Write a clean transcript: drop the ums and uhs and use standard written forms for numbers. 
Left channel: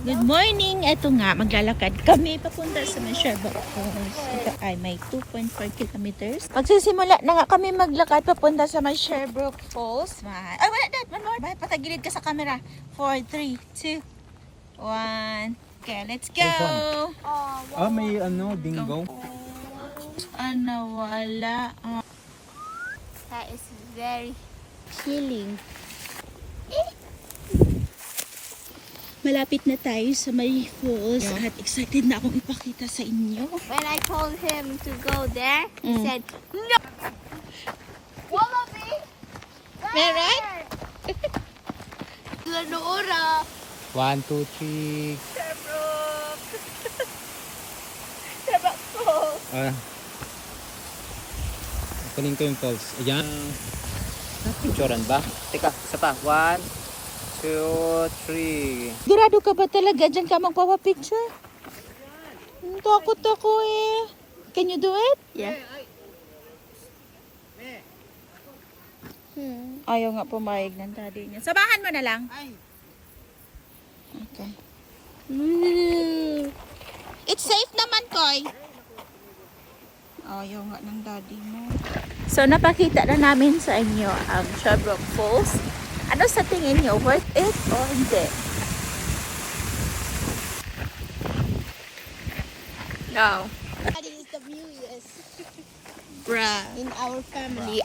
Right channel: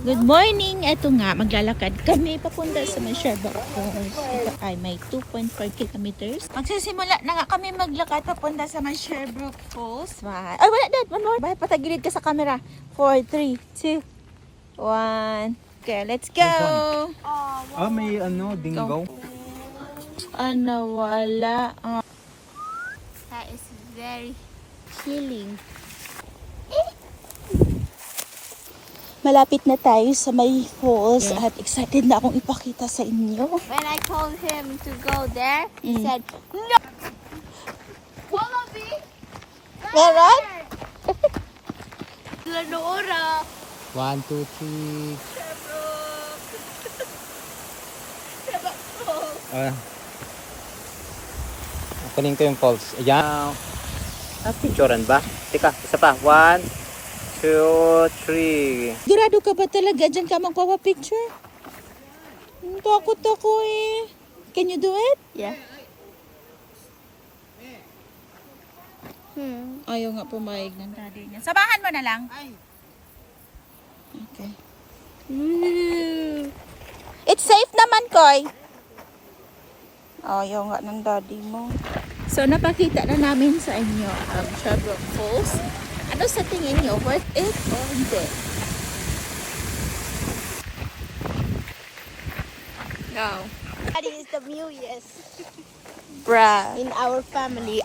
Good morning! Ito nga, maglalakad kami papunta sa Sherbrooke Falls. Ito ay may 2.4 kilometers. Magsisimula na nga kami maglakad papunta sa Sherbrooke Falls. Ay, wala dad! One more! Bakit patagilid ka sa camera? 4, 3, 2, 1. Okay, let's go! May dingaw. Wala. That is very healing. Malapit na tayo sa may falls at excited na akong ipakita sa inyo. When I told him to go there, he said, no! Wallaby! Meron? Lenora! 1, 2, 3. Kunin ko yung falls. Ayan. Picturean ba? Teka, isa pa. 1, 2, 3. Sigurado ka ba talaga dyan ka magpapapicture? Takot ako eh. Can you do it? Yeah. Ayaw nga pumayag ng daddy niya. Sabahan mo na lang. Okay. It's safe naman, Koy. Ayaw nga ng daddy mo. So, napakita na namin sa inyo ang Sherbrooke Falls. Ano sa tingin niyo? Worth it or hindi? No. Daddy is the mewest Bruh. in our family.